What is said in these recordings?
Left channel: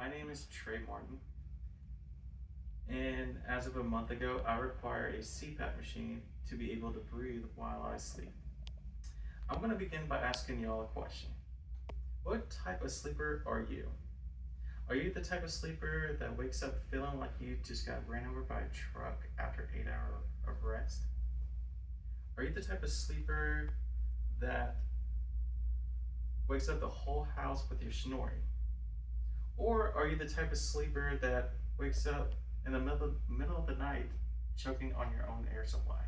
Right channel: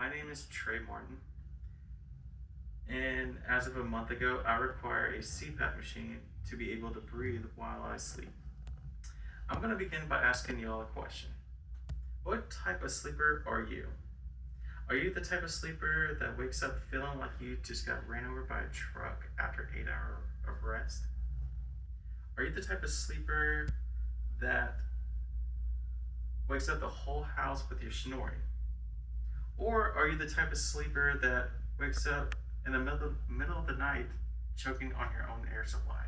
My name is Trey Martin, and as of a month ago, I require a CPAP machine to be able to breathe while I sleep. I'm going to begin by asking y'all a question. What type of sleeper are you? Are you the type of sleeper that wakes up feeling like you just got ran over by a truck after 8 hours of rest? Are you the type of sleeper that wakes up the whole house with your snoring? Or are you the type of sleeper that wakes up in the middle of the night choking on your own air supply?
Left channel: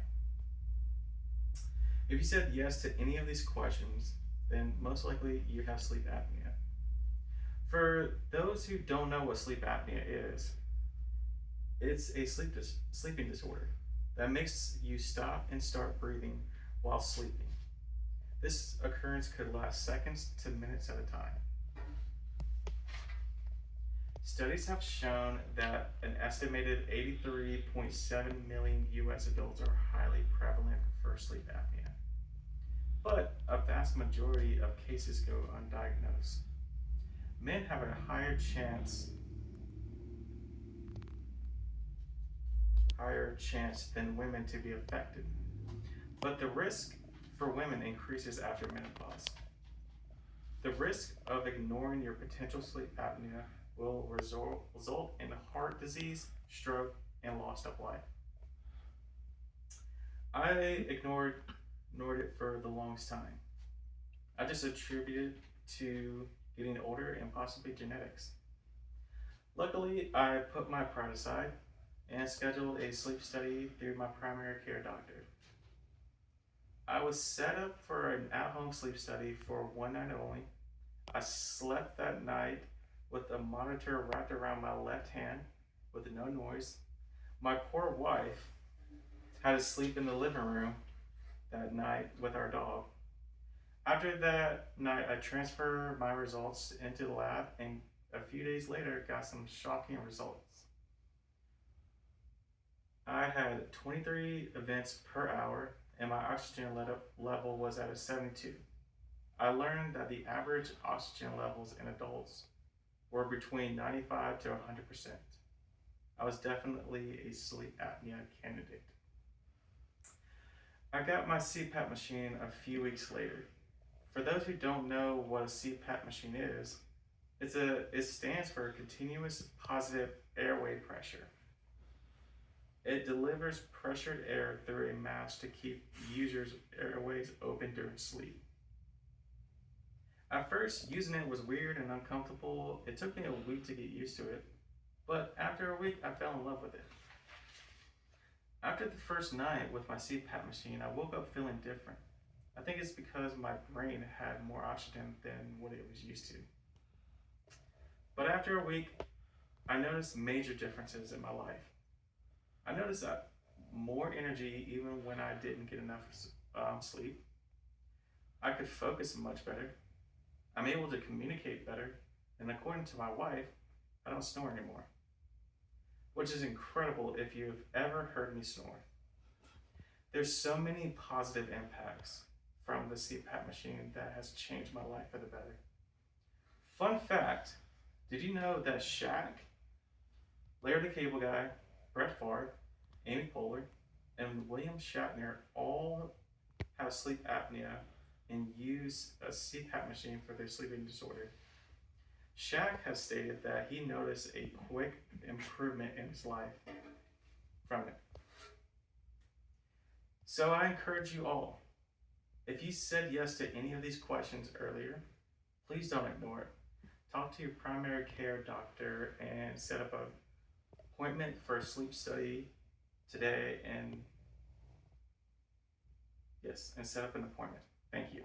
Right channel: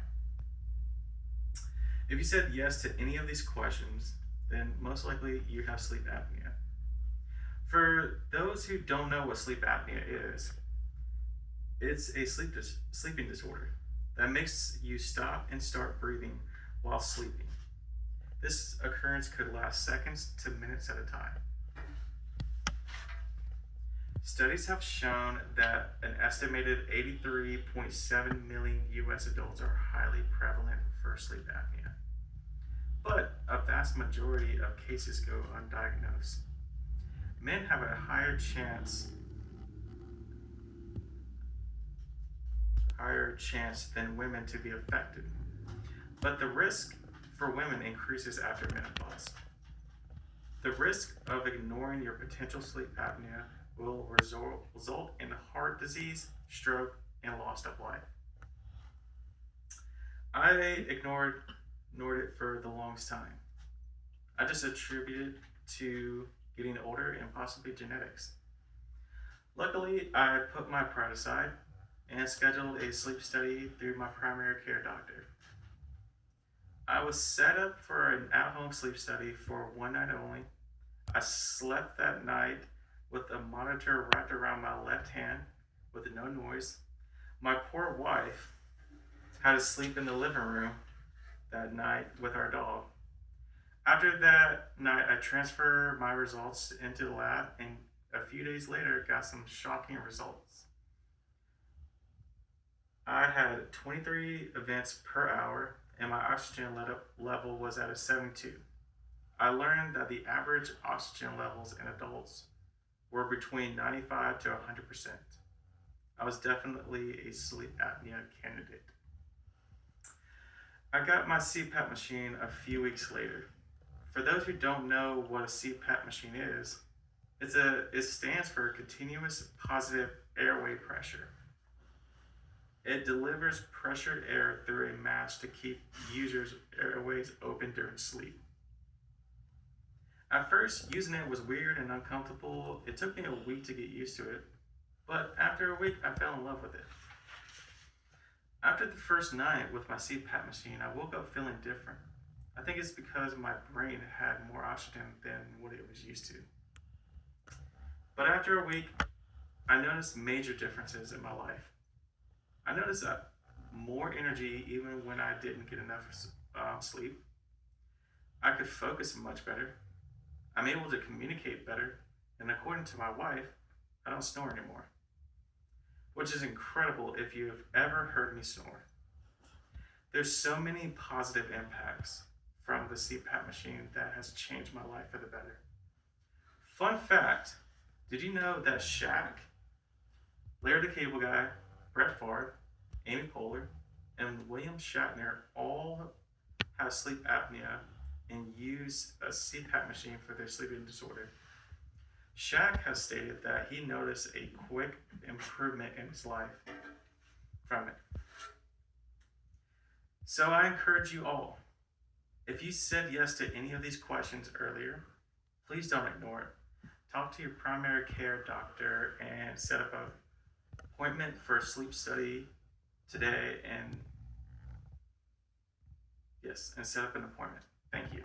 If you said yes to any of these questions, then most likely you have sleep apnea. For those who don't know what sleep apnea is, it's a sleeping disorder that makes you stop and start breathing while sleeping. This occurrence could last seconds to minutes at a time. Studies have shown that an estimated 83.7 million US adults are highly prevalent for sleep apnea, but a vast majority of cases go undiagnosed. Men have a higher chance than women to be affected, but the risk for women increases after menopause. The risk of ignoring your potential sleep apnea will result in heart disease, stroke, and loss of life. I ignored it for the longest time. I just attributed to getting older and possibly genetics. Luckily, I put my pride aside and scheduled a sleep study through my primary care doctor. I was set up for an at-home sleep study for one night only. I slept that night with a monitor wrapped around my left hand with no noise. My poor wife had to sleep in the living room that night with our dog. After that night, I transferred my results into the lab and a few days later got some shocking results. I had 23 events per hour and my oxygen level was at a 72. I learned that the average oxygen levels in adults were between 95 to 100%. I was definitely a sleep apnea candidate. I got my CPAP machine a few weeks later. For those who don't know what a CPAP machine is, it stands for continuous positive airway pressure. It delivers pressured air through a mask to keep users' airways open during sleep. At first, using it was weird and uncomfortable. It took me a week to get used to it, but after a week, I fell in love with it. After the first night with my CPAP machine, I woke up feeling different. I think it's because my brain had more oxygen than what it was used to. But after a week, I noticed major differences in my life. I noticed that more energy even when I didn't get enough sleep. I could focus much better. I'm able to communicate better, and according to my wife, I don't snore anymore, which is incredible if you've ever heard me snore. There's so many positive impacts from the CPAP machine that has changed my life for the better. Fun fact, did you know that Shaq, Larry the Cable Guy, Brett Favre, Amy Poehler, and William Shatner all have sleep apnea and use a CPAP machine for their sleeping disorder? Shaq has stated that he noticed a quick improvement in his life from it. So I encourage you all, if you said yes to any of these questions earlier, please don't ignore it. Talk to your primary care doctor and set up an appointment for a sleep study today and set up an appointment. Thank you.